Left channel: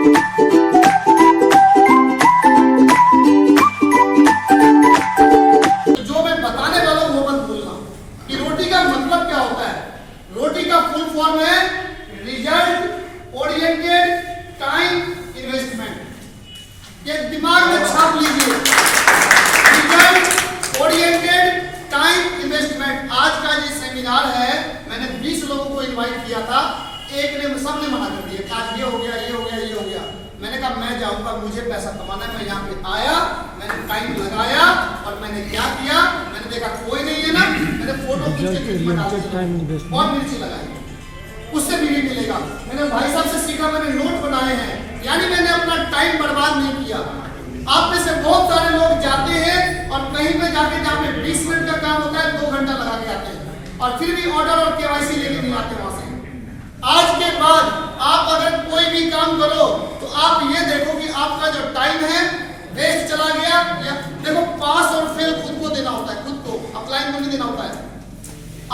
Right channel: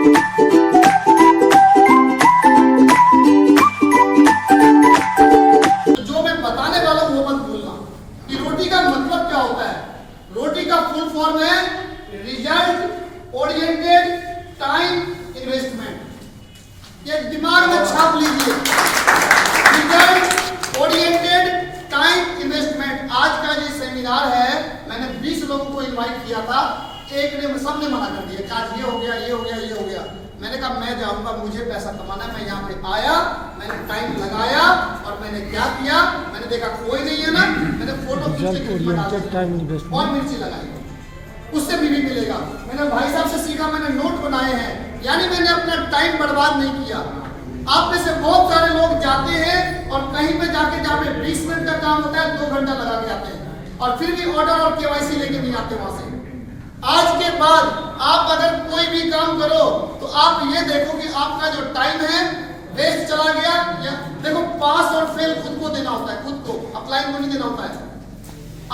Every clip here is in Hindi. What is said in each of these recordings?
जो मैं बताने वाला हूं वो मत भूलना कि रोटी का मतलब क्या होता है। रोटी का फुल फॉर्म है रिजल्ट ओरिएंटेड टाइम इन्वेस्टमेंट। ये दिमाग में छाप लीजिए, रिजल्ट ओरिएंटेड टाइम इन्वेस्टमेंट। आज का ये सेमिनार है, मैंने 20 लोगों को इनवाइट किया था, एक ने सबने मना कर दिया कि आज ये हो गया, ये हो गया, ये हो गया। मैंने कहा मैं जाऊंगा, मुझे पैसा कमाना है। मैं यहाँ पे आया, मैंने टाइम लगाया और मैंने क्या किया, मैंने देखा कोई नहीं है ना, मैंने फोटो खींच के और मिर्ची लगाई, उससे भी मिलेगा। मैंने भाई साहब से सीखा, मैंने नोट बनाए हैं, यानी मैंने अपना टाइम बर्बाद नहीं किया। आप में से बहुत सारे लोग जाते हैं और कहीं पे जाके जहाँ पे 20 मिनट का काम होता है 2 घंटा लगा के आते हैं और फिर भी ऑर्डर और केवाईसी लेके नहीं आते वहां से। आज के बाद आप अगर कोई भी काम करो तो आप ये देखो कि आपका जो टाइम है वेस्ट चला गया। देखो पास और फेल खुद को देना होता है, खुद को, अपलाइन को नहीं देना होता है।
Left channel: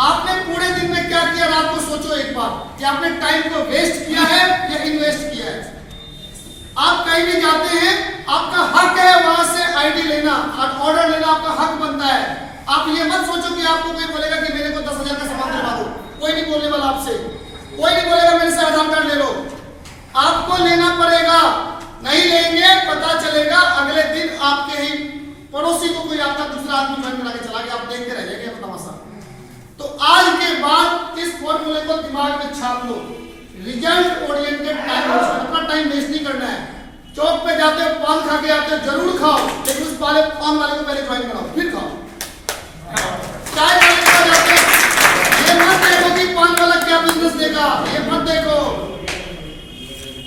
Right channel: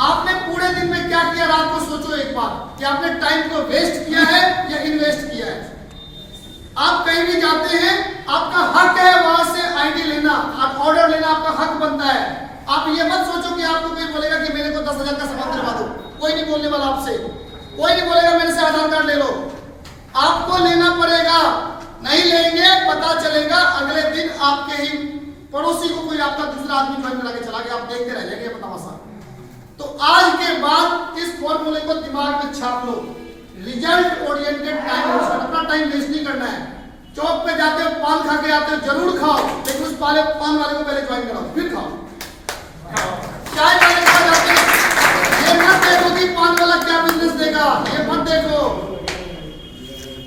आपने पूरे दिन में क्या किया, रात को सोचो एक बार कि आपने टाइम को वेस्ट किया है या इन्वेस्ट किया है। आप कहीं भी जाते हैं, आपका हक है वहां से आईडी लेना, ऑर्डर लेना आपका हक बनता है। आप ये मत सोचो कि आपको कोई बोलेगा कि मेरे को 10,000 का सामान दिलवा दो, कोई नहीं बोलने वाला आपसे, कोई नहीं बोलेगा मेरे से आधार कार्ड ले लो। आपको लेना पड़ेगा, नहीं लेंगे पता चलेगा अगले दिन आपके ही पड़ोसी को कोई आपका दूसरा आदमी ज्वाइन करा के चला गया, आप देखते रह जाएंगे तमाशा। तो आज के बाद इस फॉर्मूले को दिमाग में छाप लो, रिजल्ट ओरिएंटेड टाइम। अपना टाइम वेस्ट नहीं करना है। चौक पे जाते हो, पान खा के आते हो, जरूर खाओ, लेकिन उस पान वाले को पहले ज्वाइन कराओ फिर खाओ। चाय वाले को जाते हो, ये मत देखो कि पान वाला क्या बिजनेस देगा, ये मत देखो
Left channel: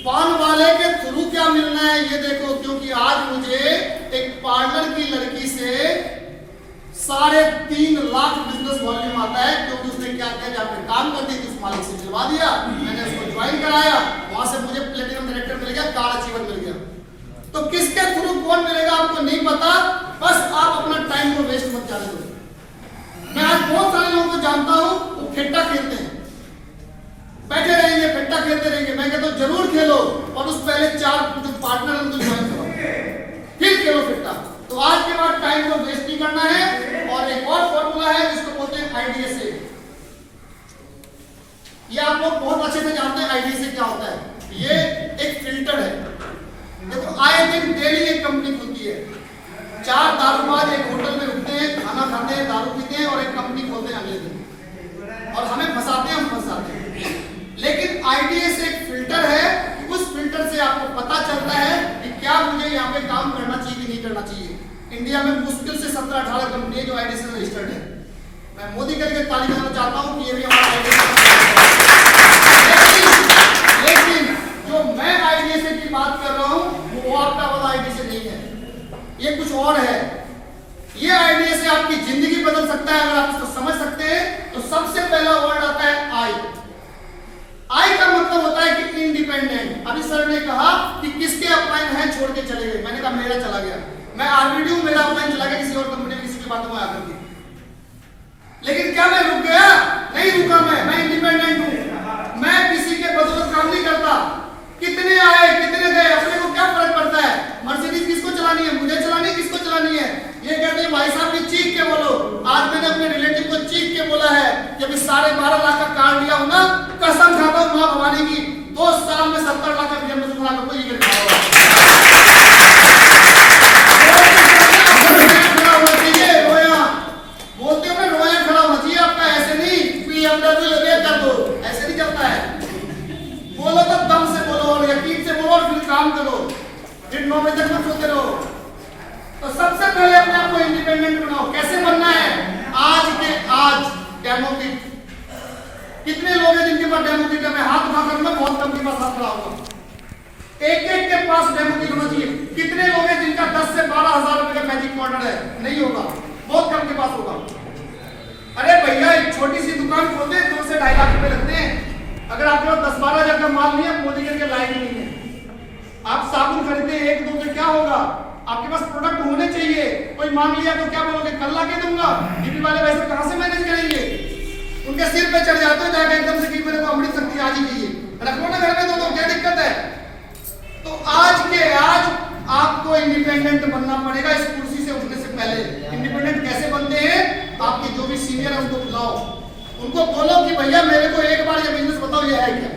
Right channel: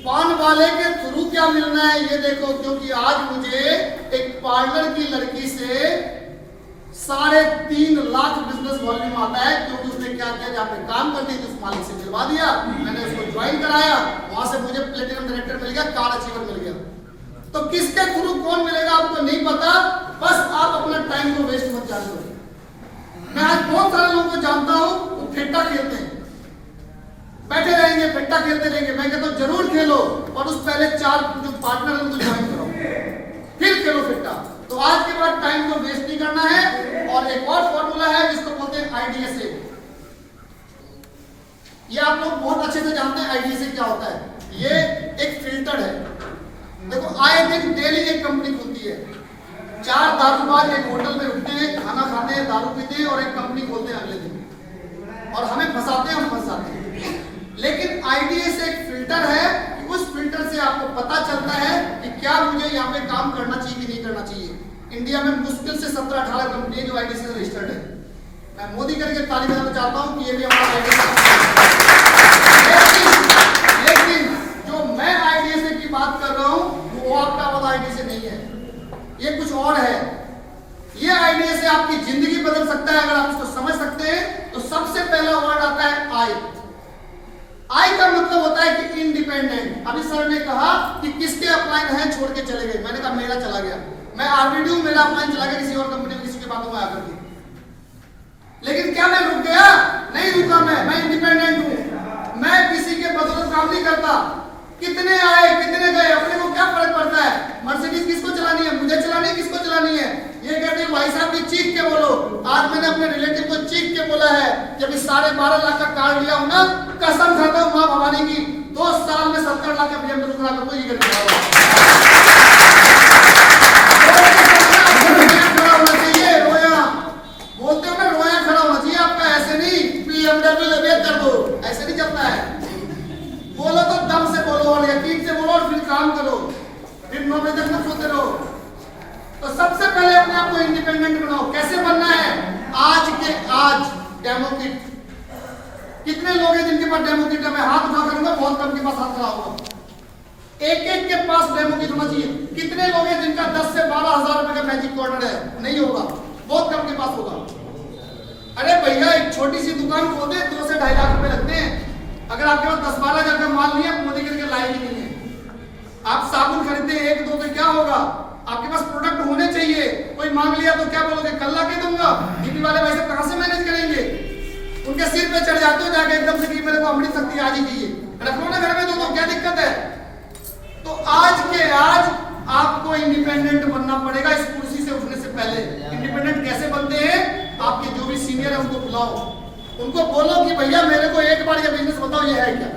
पान वाले के थ्रू क्या मिलना है, ये देखो। क्योंकि आज मुझे एक पार्लर की लड़की से 3.5 लाख बिजनेस वॉल्यूम आता है, क्योंकि उसने क्या किया, जहाँ पे काम करती थी उस मालिक से मिलवा दिया, मैंने उसको ज्वाइन कराया, वहां से मुझे प्लेटिनम डायरेक्टर मिल गया, कार अचीवर मिल गया। तो किसके थ्रू कौन मिलेगा आपको नहीं पता, बस आप अपना टाइम को वेस्ट मत जाने दो। मैं आज बहुत सारे लोगों को जानता हूं, वो फिट्टा खेलते हैं, बैठे रहेंगे फिट्टा खेलते रहेंगे। मैं कहता हूं जरूर खेलो और उस पहले 4 जो पार्टनर है उनको ज्वाइन करो, फिर खेलो फिट्टा। तो आज के बाद टाइम को वेस्ट नहीं करना है। और एक और फॉर्मूला है जिसको बोलते हैं आईडीएसए। ये आप लोग बहुत अच्छे से जानते हैं आईडीएसए क्या होता है। ये एक फिल्टर है। देखो आए दिन डेली एक कंपनी खुलती है, 4 दारूबाज एक होटल में रुकते हैं, खाना खाते हैं, दारू पीते हैं और एक कंपनी खोलते हैं अगले दिन, और हमें फंसाते हैं, हम फंस जाते हैं। लेकिन आईडीएसए एक फिल्टर है, उस फिल्टर से आपको पता चलता है कि क्या मुझे यहाँ पे काम करना चाहिए कि नहीं करना चाहिए। इंडिया में मुश्किल से 17-18 कंपनी है जो आईडीएसए से रजिस्टर्ड है। मैं मोदी करके ताली बजाना चाहता हूँ कि ये भी हमारा आईडीएसए। लेकिन जो मैं आईडीएसए की बात कर रहा हूँ वो आपका वाला आईडीएसए नहीं है, ये कुछ और है। ये आईडीएसए आपकी जिंदगी बदल सकता है अगर आप इसको समझ सकते हैं। तो सबसे पहला वर्ड आता है आई। आई का मतलब होता है कि इंडिपेंडेंट। अभी सर ने कहा कि किसके अपलाइन है छोड़ के चले गए, मैंने कहा मेरा चला गया। मैं आरबीडी हूं, मेरा अपलाइन चला गया किसी और कंपनी में, किसी की बातों में आकर के। लेकिन क्या मैं रुक गया? नहीं रुका। मैं इंडिपेंडेंट हूं, मैं किसी के बदौलत काम नहीं करता। कितने आए कितने गए अपने को क्या फर्क पड़ता है। मर्सिडीज किसको चलानी है, मुझे चलानी है, किसको चलानी है। ये कहते हैं भाई साहब की चीख के बोलो। आज मैंने अपने रिलेटिव को चीख के बोला है कि अभी 12.5 लाख का कार लिया हूं ना, कसम खाता हूं मां भवानी की, 2 साल में 70 लाख का BMW खड़ा कर कोई कर बोलते हो ना, रोया खड़ा होना चाहिए आपका, ऐसे नहीं BMW ले कर दो, ऐसे नहीं चलता है। बोलो तो दम से बोलो और यकीन से बोलो और फिर काम करो, फिर 9 बजे तक मत सोते रहो। तो सबसे पहले अपने आप को इंडिपेंडेंट बनाओ। कैसे बनना है? आज के आज डेमो किट। कितने लोग हैं जिनके पास डेमो किट है? मैं हाथ उठा करूंगा, बहुत कम के पास हाथ खड़ा होगा। एक के पास डेमो किट होना चाहिए। कितने लोग हैं जिनका 10 से 12 हजार रुपए का मैजिक कॉर्नर है? नहीं होगा, बहुत कम के पास होगा। अरे भैया एक छोटी सी दुकान खोलते हैं, 2 से 2.5 लाख रुपए लगते हैं। अगर आपके पास 10-12 हजार का माल नहीं है, मोदी के लायक ही नहीं है। आप साबुन खरीदते हैं 1-2 तो क्या होगा? आपके पास प्रोडक्ट होने चाहिए। कोई मांग लिया तो क्या बोलोगे, कल ला के दूंगा। डीपी वाले वैसे कहां से मैनेज करेंगे? उनके सिर पे चढ़ जाते हो जाके एकदम से कि मेरे को अमृत शक्ति आज ही चाहिए, रख लो ना घर में, तो क्या दिक्कत है। तो तो आज के आज आपको इंडिपेंडेंट बनना पड़ेगा इस कुर्सी से उठने से पहले। इंडिपेंडेंट कैसे बनते हैं? आपके जो भी सीनियर है उनको बुलाओ, उनको बोलो कि भैया मेरे को एक बार ये बिजनेस बताओ, ये है क्या।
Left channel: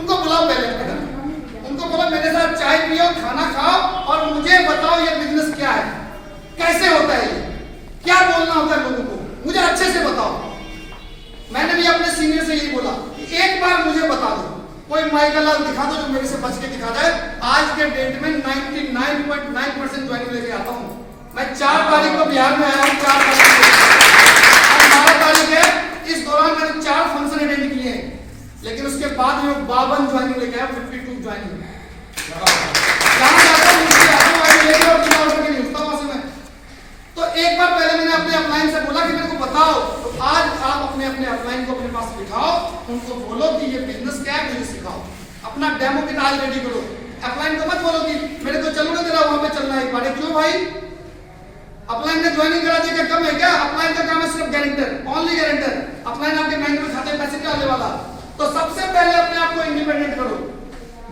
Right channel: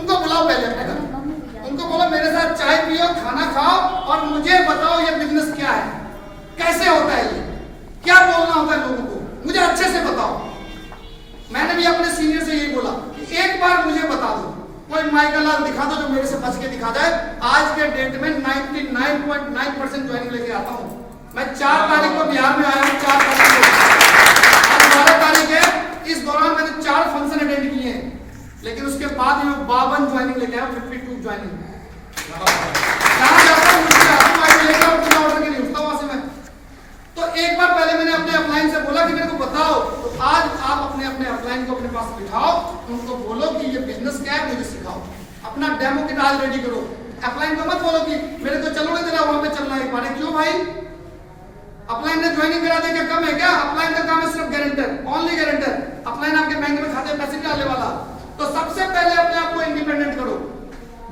उनको बुलाओ पहले अपने घर, उनको बोलो मेरे साथ चाय पियो, खाना खाओ और मुझे बताओ ये बिजनेस क्या है, कैसे होता है, ये क्या बोलना होता है लोगों को, मुझे अच्छे से बताओ। मैंने भी अपने सीनियर से यही बोला कि एक बार मुझे बता दो, कोई माइकल लाल दिखा दो जो मेरे से बच के दिखा जाए। आज के डेट में 99.9% ज्वाइनिंग लेके आता हूँ। मैं 4 तारीख को बिहार में आया हूँ, 4 तारीख को 12 तारीख है। इस दौरान मैंने 4 फंक्शन अटेंड किए हैं, लेकिन उसके बाद मैं 52 ज्वाइनिंग लेके आया, 52 ज्वाइनिंग। जहाँ जाता हूँ मुझे ज्वाइनिंग लेके और बिना ऑर्डर के नहीं उठता वहां से मैं। तो एक बार पहले मैंने अपने अपलाइन से बोला कि मेरे को बताओ, तो आज आप अपने अपने अपलाइन को अपने पास बिठाओ, उनको बोलो कि ये बिजनेस क्या है मुझे सिखाओ, अपना डेमो किट आज रेडी करो। अपलाइन को मत बोलो कि मेरे को चलोगे जरा वहां पे चलना है एक बार, क्यों भाई? अपलाइन ने ज्वाइनिंग करा दी क्या कम है क्या? अपलाइन का काम है सिर्फ गारंटर, ओनली गारंटर। अपलाइन आपके बैंक में खाते पैसे डालने वाला। तो सबसे पहले अपने आप को इंडिपेंडेंट करो,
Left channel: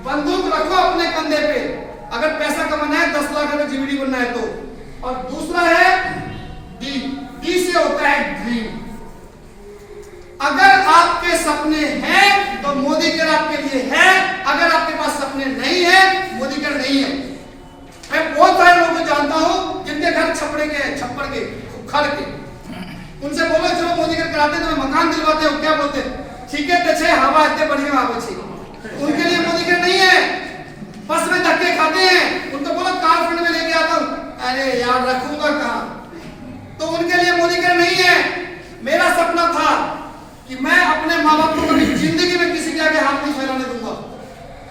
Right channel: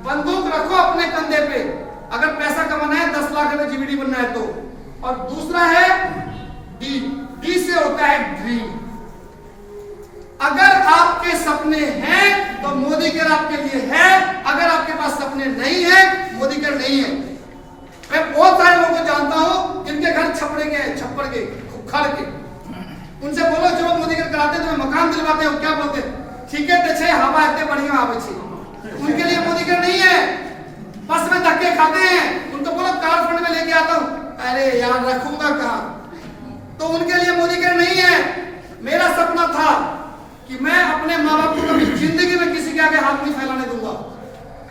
बंदूक रखो अपने कंधे पे, अगर पैसा कमाना है 10 लाख रुपए जीवीडी बनना है तो। और दूसरा है डी, डी से होता है ड्रीम। अगर आपके सपने हैं तो मोदी केयर आपके लिए है, अगर आपके पास सपने नहीं है मोदी केयर नहीं है। मैं बहुत सारे लोगों को जानता हूं जिनके घर छप्पड़ के खुखड़ के, उनसे बोलो जो मोदी केयर कराते तो मकान दिलवाते हो, क्या बोलते? ठीक है तो हवा इतने बढ़िया आवे छे। उनके लिए मोदी केयर नहीं है, बस में धक्के खाते हैं। उनको बोलो कार फंड में लेके आता हूं, अरे यार रखूंगा कहां? तो उनके लिए मोदी केयर नहीं है। मेरा सपना था कि मैं अपने माँ बाप को कभी जिंदगी में किसी के आगे हाथ नहीं फैलाने दूंगा,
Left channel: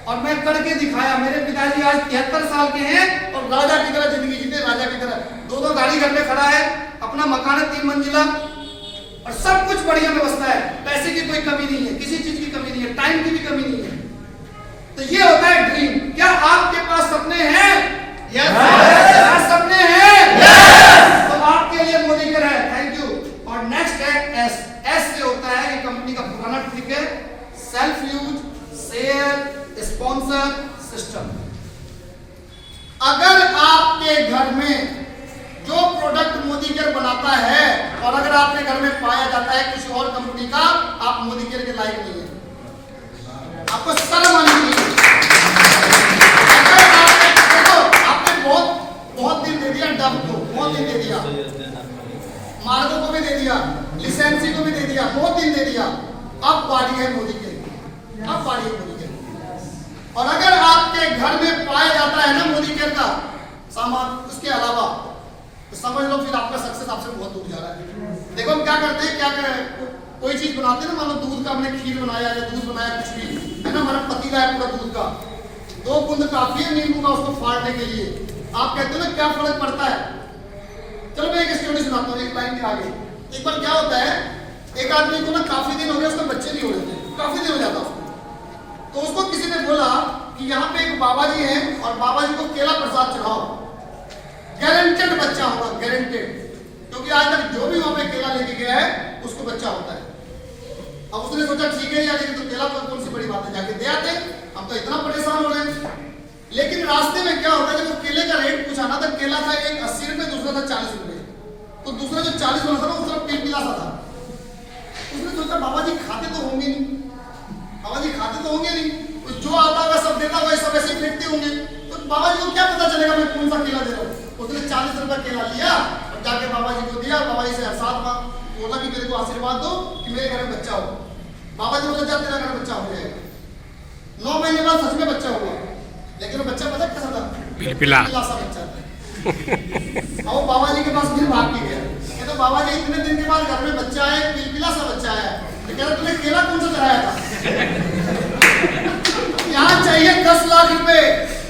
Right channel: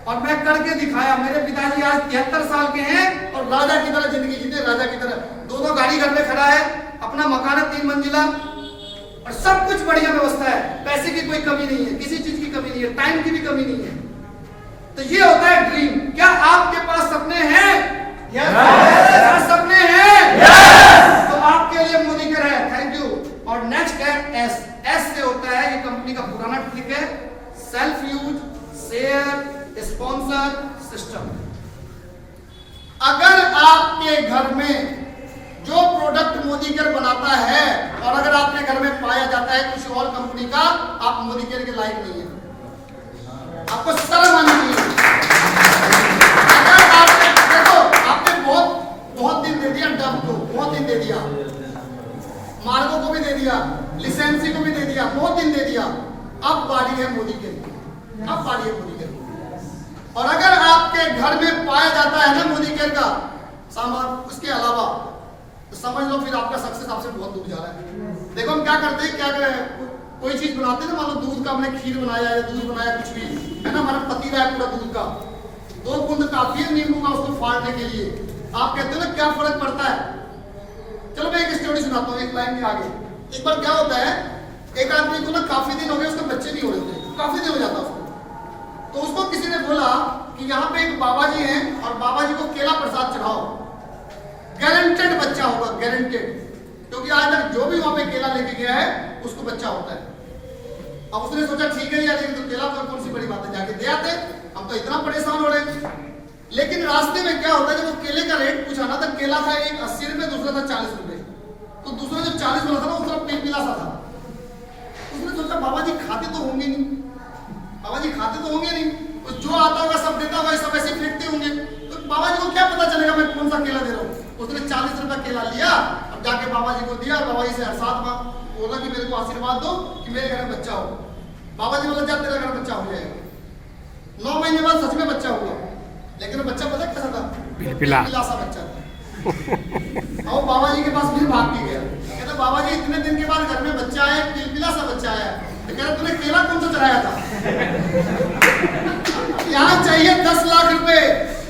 और मैं करके दिखाया। मेरे पिताजी आज 73 साल के हैं और राजा की तरह जिंदगी जीते, राजा की तरह। 2 गाड़ी घर में खड़ा है, अपना मकान है 3 मंजिला और सब कुछ बढ़िया व्यवस्था है। पैसे की कोई कमी नहीं है, किसी चीज की कमी नहीं है, टाइम की भी कमी नहीं है। तो ये होता है ड्रीम। क्या आपके पास सपने हैं? यस। सपने हैं? यस। तो आपके लिए मोदी केयर है। Thank you. और नेक्स्ट है एस। एस से होता है, ये कंपनी का पुराना ट्रिक है, self use share sponsor system. अगर आपके घर में जो प्रोडक्ट मोदी केयर बनाता है और अगर आपके घर में पाया जाता है कुछ और कंपनी का, आप मोदी केयर के लायक नहीं है, आपको शर्म आनी चाहिए। अगर आपने बहुत दिन दे दिया, डब को बहुत दिन दे दिया, मार्गों को भी दे दिया, लिसेंसी को भी दे दिया, बहुत दिन दे दिया, अब बारी है मोदी केयर, अब बारी है मोदी केयर। और अगर आपके घर में पाया जाता है ना मोदी केयर का सामान, उसके अलावा तो समझ लो फिर आपका सक्सेस आपसे बहुत दूर जा रहा है। देखो हम क्या करते हैं, क्या कोई चीज बनाते हैं ना, मान लो दूध का हमने खीर बनाया या दूध बनाया कुछ भी है ना, हमारा पति का है पूरा दूध का, 2 बूंद काफी है नींबू का उसको फाड़ने के लिए। आप कहते हो ना क्या फर्क पड़ता है? चलो मैं एक स्टोरी सुनाता हूँ एक लाइन के आगे। एक बार क्या होता है, एक आदमी को ना काफी दिन हो गए उसके बच्चे नहीं हो रहे थे, काफी दिन हो जाता उसको। तो उसको किसी ने बोला कि यहाँ पे एक बाबा जी हैं और बाबा जी को केला प्रसाद चढ़ाओ, गारंटेड बच्चा होगा, गारंटेड, क्योंकि आज तक जो भी वहां पे केला लेके गया है उसको बच्चा होता है। अब उसने सोचा ठीक है यार, लेकिन तो केला कौन सी बड़ी बात है, जाके दे आते, हम तो इतना परेशान हो रहे हैं। लेकिन रास्ते में क्या होता है, जब वो केले का रेट पूछा ना, तो केला था एक 80 रुपए, दूसरा था 40 रुपए। तो दूसरा जो 40 वाला था ना, उसका पीला सा था। उसने सोचा बाबा जी खाते तो होंगे नहीं, बाबा जी खाते तो होंगे नहीं, तो जो आता होगा सब देता होगा, सब ऐसे फेंकते होंगे, तो बाबा जी को क्या पता चलेगा मैं कौन सा केला दे रहा हूँ। उसने 40 रुपए केला लिया और जाके बाबा जी को दिया। बाबा जी से एहसास बोला कि मेरे को आशीर्वाद दो कि मेरे घर में बच्चा हो। बाबा जी बोला जा तेरा घर में बच्चा हो जाएगा। 9 महीने बाद सच में बच्चा हुआ, लेकिन वो बच्चा पता कैसा था? पिलपिला सा बच्चा था। और बाबा जी के पास फिर भाग के गया, कहते बाबा जी इतने दिन के बाद घर में बच्चा है, पिलपिला सा बच्चा है, तो कहते तूने केला कौन सा चढ़ाया था? यहाँ चाहिए 10 लाख रुपए,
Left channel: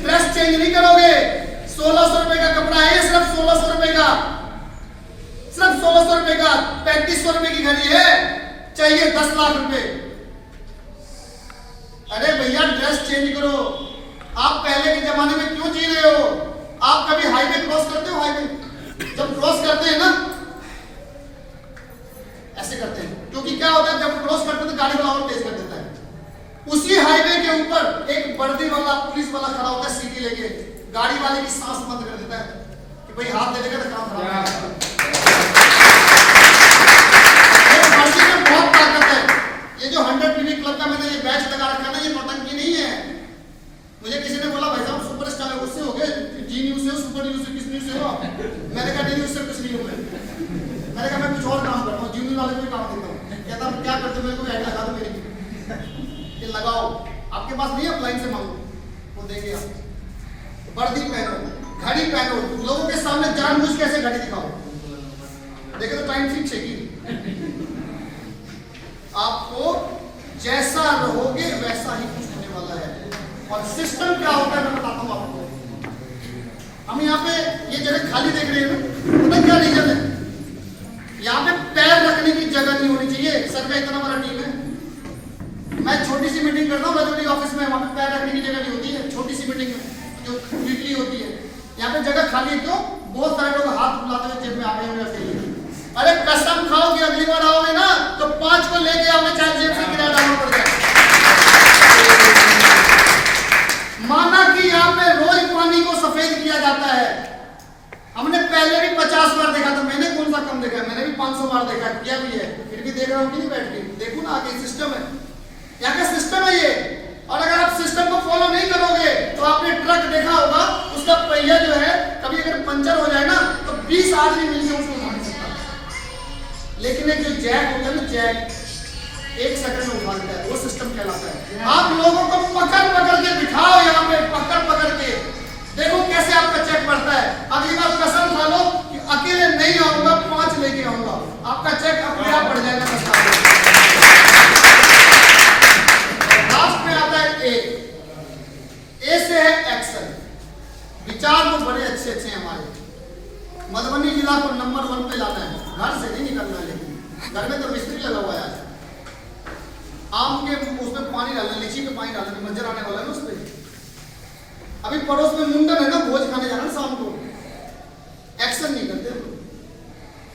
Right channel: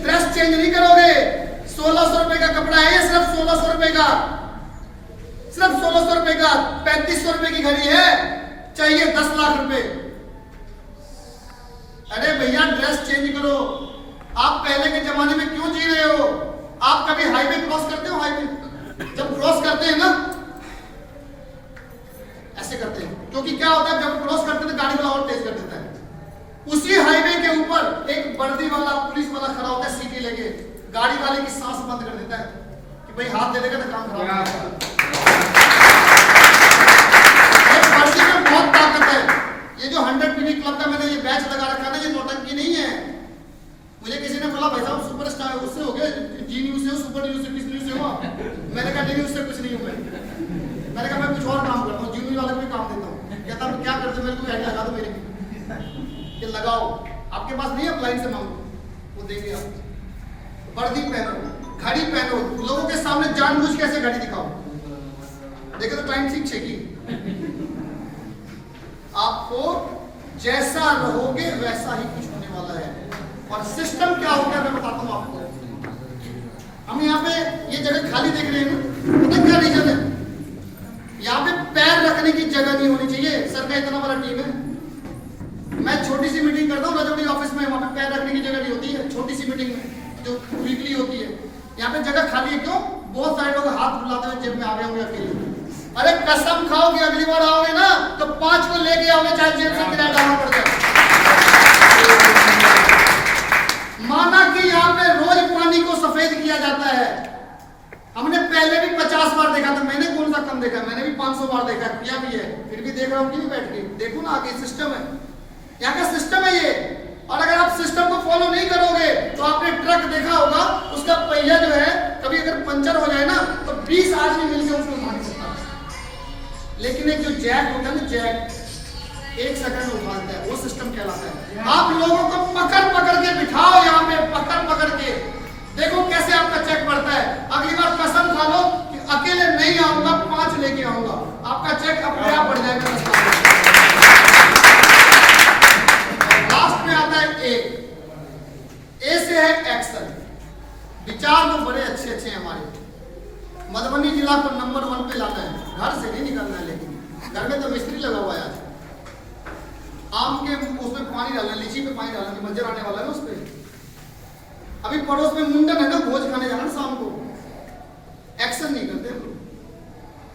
ड्रेस चेंज नहीं करोगे। 1600 रुपए का कपड़ा है, सिर्फ 1600 रुपए का, सिर्फ 1600 रुपए का। 3500 रुपए की घड़ी है, चाहिए 10 लाख रुपए। अरे भैया ड्रेस चेंज करो। आप पहले के जमाने में क्यों जी रहे हो? आप कभी हाईवे क्रॉस करते हो? हाईवे जब क्रॉस करते हैं ना, ऐसे करते हैं, क्योंकि क्या होता है जब क्रॉस करते हैं तो गाड़ी वाला और तेज कर देता है। उसी हाईवे के ऊपर एक वर्दी वाला पुलिस वाला खड़ा होता है, सीटी लेके गाड़ी वाले की सांस बंद कर देता है कि भाई हाथ दे देगा तो काम खराब हो जाएगा। वर्दी में बहुत ताकत है। ये जो 100 PV क्लब का मैंने ये बैच लगा रखा है ना, ये नौटंकी नहीं है। मुझे किसी ने बोला भाई साहब सुपरस्टार है, उससे हो गए, जी न्यूज से हो, सुपर न्यूज से, किस न्यूज से हो? मैंने कहा डी न्यूज से कुछ नहीं हूं मैंने कहा मैं कुछ और काम करता हूँ, जी न्यूज वाले को भी काम देता हूँ। कहता हूँ क्या करते, मेरे को ऐड लगा दो मेरी, ये लगाओ, आपके पास नहीं है लाइन से मांगो, वो देंगे आप। वर्दी पहनो, घड़ी पहनो, लोगों के सामने जानबूझ कैसे घड़ी दिखाओ, देखे तो टाइम ठीक है कि आपको जैसा रहोगे वैसा ही कुछ होने वाला है। और सिस्टम क्या होता है मैं बताता हूं आपको। हम यहाँ पे ये जगह खाली देख रहे हैं ना, पता क्या रीजन है? यहाँ पे पैर रखने की जगह नहीं होनी चाहिए। सर का इतना बड़ा टीम है, मैं छोटी सी मीटिंग करता हूँ रजौली ऑफिस में, वहां पे पैर रखने की जगह नहीं होती है, छोटी सी मीटिंग में जो वीकली होती है। यहाँ पे जगह खाली है, क्यों? बहुत सारे लोग हाथ बुलाते हुए जेब में आ गए होंगे अकेले। अरे कसम खाओ कि अगली बार आओगे ना तो 5 को लेके आओगे, चाहे जेब से किराया डालना पड़ जाए। माना कि यहाँ पे रोज पानी को सफेद किया जाता है। हमने पहले भी 50 बार देखा था, मैंने कौन सा कम देखा, मैंने भी 500 बार देखा, किया भी है, फिर भी देख रहा हूँ कि नहीं बैठ के। देखो ना आगे सिस्टम है, यहाँ का सिस्टम है ये। और अगर आप सिस्टम को फॉलो नहीं करोगे तो आपने ट्रक देखा होगा, उसका पहिया जो है कभी अगर पंचर हो जाए ना तो 20 आदमी मिलकर उसको उठा नहीं सकता। लेकिन एक जो जैक होता है ना, जैक 1 सेकंड में उठा देता है, वो सिस्टम कहलाता है। आप लोगों को पकड़ पकड़ के बिठाओ, यहाँ पे पकड़ पकड़ के देखो कैसे आपका चेक बढ़ता है। अगली बार कसम खा लो कि अकेले नहीं आऊंगा, 5 लेके आऊंगा, आपका चेक अपने आप बढ़ जाएगा। लास्ट में आता है ए से है एक्शन। विचार तो बड़े अच्छे अच्छे हैं हमारे। मधुबनी जिला को नंबर 1 पे लाना है, घर से नहीं निकलना है। लेकिन घर में तो मिस्त्री लगा हुआ है, आम के उसमें पानी डालना, लीची में पानी डालना, मंजर आने वाला है ना उस पर। अभी पड़ोस में मुंडन है ना, भोज खाने जाना शाम को, एक्शन नहीं करते तो।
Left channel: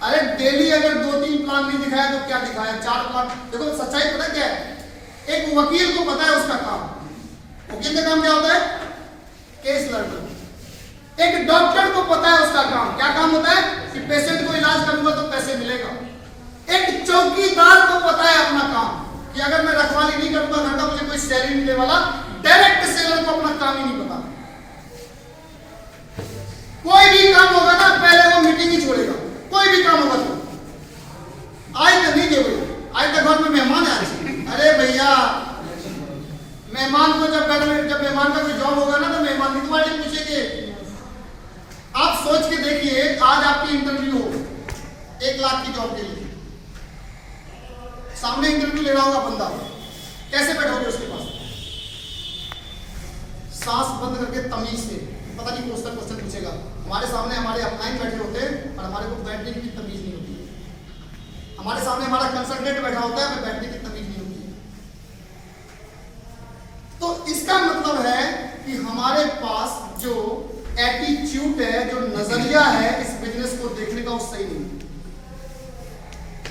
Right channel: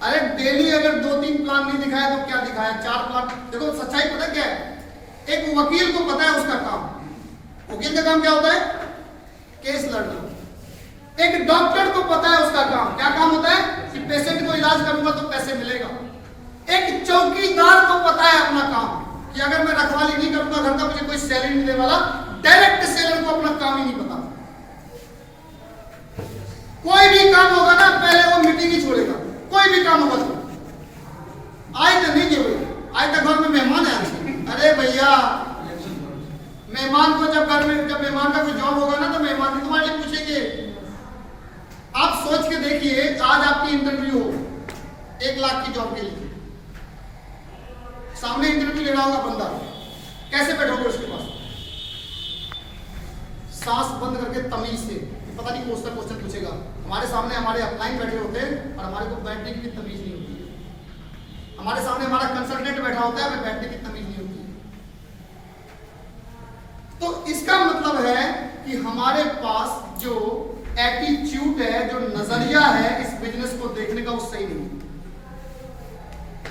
अरे डेली अगर 2-3 प्लान नहीं दिखाया तो क्या दिखाया, 4 प्लान। देखो सच्चाई पता क्या है? एक वकील को पता है उसका काम, वकील का काम क्या होता है? केस लड़ना। एक डॉक्टर को पता है उसका काम, क्या काम होता है? कि पेशेंट को इलाज करूंगा तो पैसे मिलेगा। एक चौकीदार को पता है अपना काम कि अगर मैं रखवाली नहीं करूंगा घर का, मुझे कोई सैलरी मिलने वाला। डायरेक्ट सेलर को अपना काम ही नहीं पता। कोई भी काम होगा ना पहले वो मीटिंग ही छोड़ेगा, कोई भी काम होगा तो। आज तो नहीं गए भाई, आज तक घर में मेहमान है। अरे भैया, मेहमान को जब मेहमान का कोई जॉब होगा ना तो मेहमान की तुम्हारी पूछेंगे। आप सोच के देखिए, आज आपकी इंटरव्यू हो 1 लाख की जॉब के लिए, सामने इंटरव्यू ले रहा होगा बंदा, कैसे बैठोगे उसके पास? सांस बंद करके तमीज से, पता नहीं कौन सा क्वेश्चन पूछेगा। हमारे सामने हमारे अपलाइन बैठे होते हैं और हमारे को बैठने की भी तमीज नहीं होती है। हमारे सामने हमारा कंसल्टेंट बैठा होता है, हमें बैठने की तमीज नहीं होती है। तो इसका मतलब है कि हमारे पास जो एटीट्यूड है, जो नजरिया है इस बिजनेस को देखने का, वो सही नहीं है।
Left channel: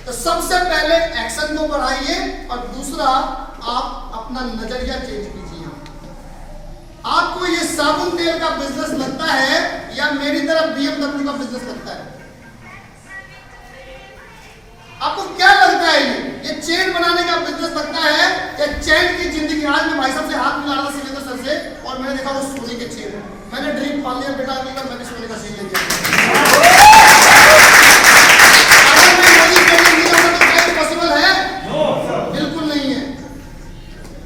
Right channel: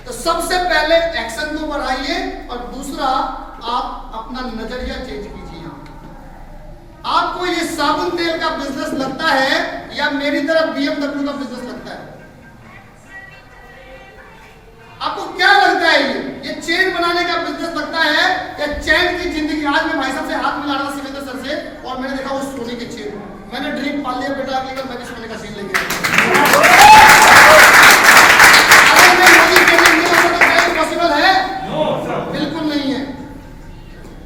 तो सबसे पहले एक्शन को बढ़ाइए और दूसरा आप अपना नजरिया चेंज कीजिए। आपको ये साबुन तेल का बिजनेस लगता है या मेरी तरफ BMW का बिजनेस लगता है? आपको क्या लगता है? ये चेन बनाने का बिजनेस लगता है या चैन की जिंदगी? आज मैं भाई साहब से हाथ मिला रहा था सिलेंडर सर से, और मैंने देखा वो सोने के चेन। मैंने ड्रीम पाल लिया बेटा, अगली बार मैं भी सोने का चेन लेके पॉसिबल है? बिल्कुल नहीं है।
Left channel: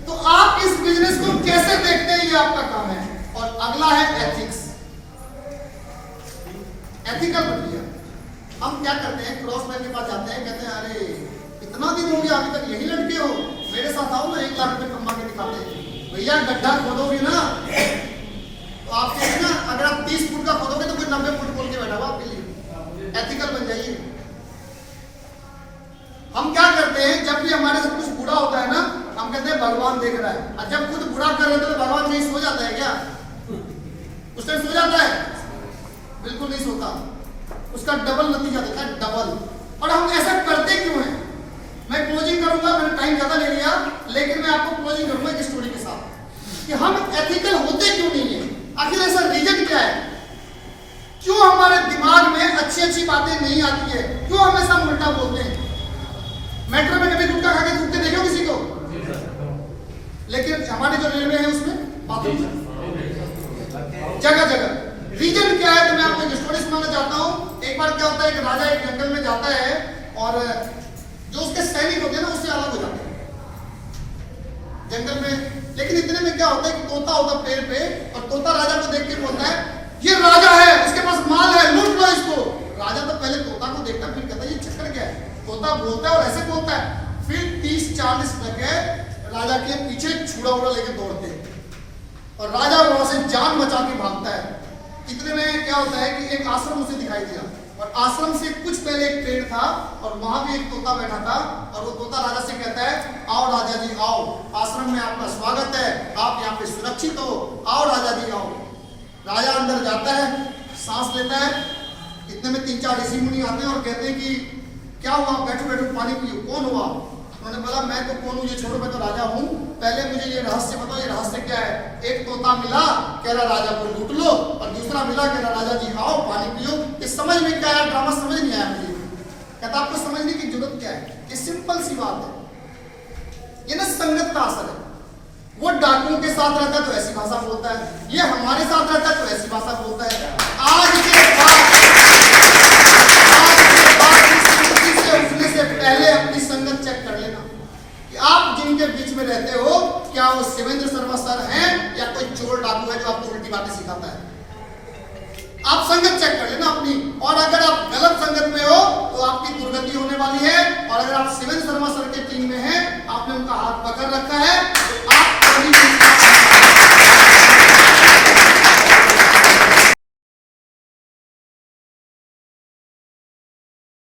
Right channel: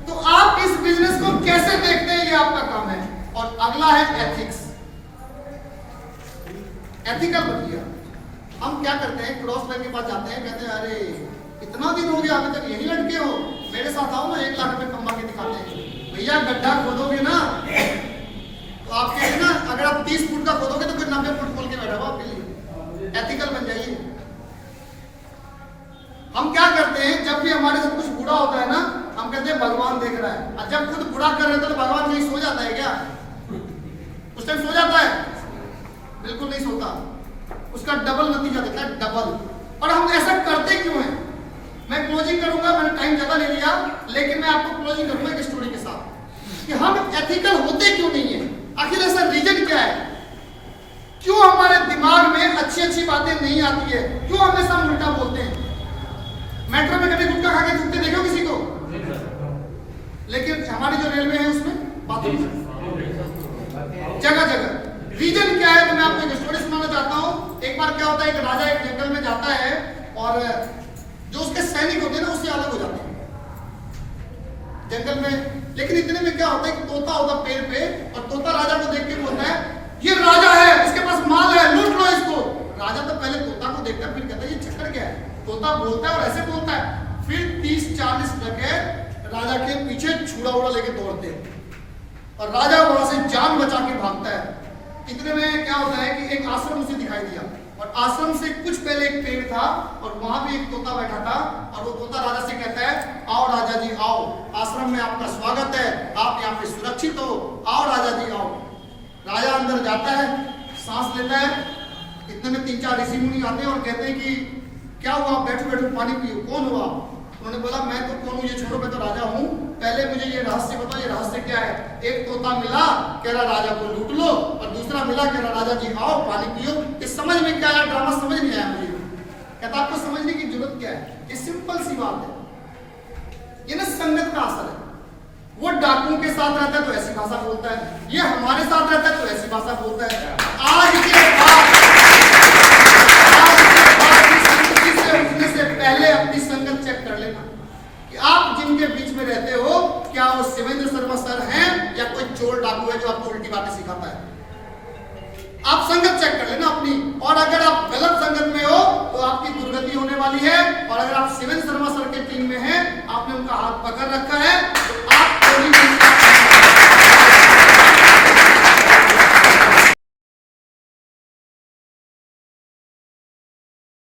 तो आप इस बिजनेस को कैसे देखते हैं, ये आपका काम है। और अगला है एथिक्स, एथिकल बनिए। हम क्या करते हैं, क्रॉस लाइन के पास जाते हैं, कहते हैं अरे इतना दिन हो गया अभी तक यही लटके हो, मेरे साथ आओ ना, 1 लाख रुपए कमा के निकाले। भैया गड्ढा खोदोगे ना तो आपके लिए ना, अगर आप 30 फुट का खोदोगे तो कोई 90 फुट खोल के बैठा हुआ आपके लिए। एथिकल बन जाइए। हम क्या करते हैं, जब भी हमारे साथ कुछ बुरा होता है ना, हम कहते हैं भगवान देख रहा है। और जब खुद बुरा कर रहे तो भगवान नहीं सो जाता है क्या? उस टाइम सो जाता है? बिल्कुल नहीं सोता, उसका डबल नतीजा देता है, डबल। और हम ऐसा करते क्यों हैं? मैं क्लोजिंग करूंगा, मैंने टाइम ज्यादा ले लिया, लेकिन मैं आपको क्लोजिंग करूंगा एक स्टोरी के साथ कि हम एथिकल होते क्यों नहीं है, आखिर ऐसा रीजन क्या है, क्यों हमारे दिमाग में अच्छी अच्छी बातें नहीं आती है, क्यों हमेशा हम उल्टा बोलते हैं। मेट्रो में कभी गुटखा खा के थूकते देखो किसी को, लेकिन हमारी जो रेलवे है उसमें बाथरूम जगह जगह। रीजन क्या है, तो मैं आपको एक स्टोरी सुनाना चाहता हूँ। एक बार क्या होता है, एक राजा एक जंगल में जाता है और जो उसके सैनिक होते हैं ना उससे अलग हो जाते हैं जंगल में। लेकिन इतने में क्या होता है कि तोता होता पेड़ पे, और तोता राजा को देख के बोलता है ये राजा है, इसके पास माल है, लूट लो इसको। राजा तो पहले तोता को देखता है, फिर कहता है ये चक्कर क्या है। तोता बोलता है और ऐसे बोलता है, फिर 30-40 टके राजा के पीछे छुड़ा उड़ा लेके दौड़ते हैं और राजा वहां से जान बचा के भागता है। इतने में क्या होता है कि एक आश्रम उसे दिखाई दिया, और आश्रम से कुछ पहले एक पेड़ था और वहां भी एक तोता बैठा था, और वो तोता राजा से कहता है आओ राजा जी आओ, आश्रम में आपका स्वागत है, आप यहाँ पे सुरक्षित हो, आओ राजा जी आओ। राजा अंदर जाता है, सांस लेता है, इतने में 3-4 ऋषि मुनि आते हैं और कहते हैं कि क्या हुआ, बैठो बैठो पानी पियो। कौन हुआ? उन्होंने बोला मैं तो कौन हूँ, ये छोड़ो, मैं तो राजा हूँ, पहले मुझे ये रहस्य बताओ, ये रहस्य क्या है। एक तोता मिला, कह रहा राजा को लूट लो, और दूसरा मिला, कह रहा राजा जी आओ पानी पियो। इस समझ में क्या आया, ड्रामा समझ नहीं आया मुझे। कहता आपको समझने की जरूरत क्या है, ये सिंपल सी बात है, ये ना संगत का असर है। वो डाकुओं के साथ रहता है तो ऐसी भाषा बोलता है, ये हमारे साथ रहता है तो ऐसी भाषा बोलता है। आज के बाद से उठने से पहले अपनी संगत चेक कर लेना कि आप जिनके बीच में रहते हो, क्या वो शिवेंद्र शर्मा सर हैं या कोई चोर डाकू है जो आपको उल्टी बातें सिखाता है। आप संगत चेक कर लेना अपनी, और अगर आप गलत संगत में हो तो आपकी दुर्गति होने वाली है। और अगर आप शिवेंद्र शर्मा सर के टीम में हैं, आपने उनका हाथ पकड़ रखा है, तो आप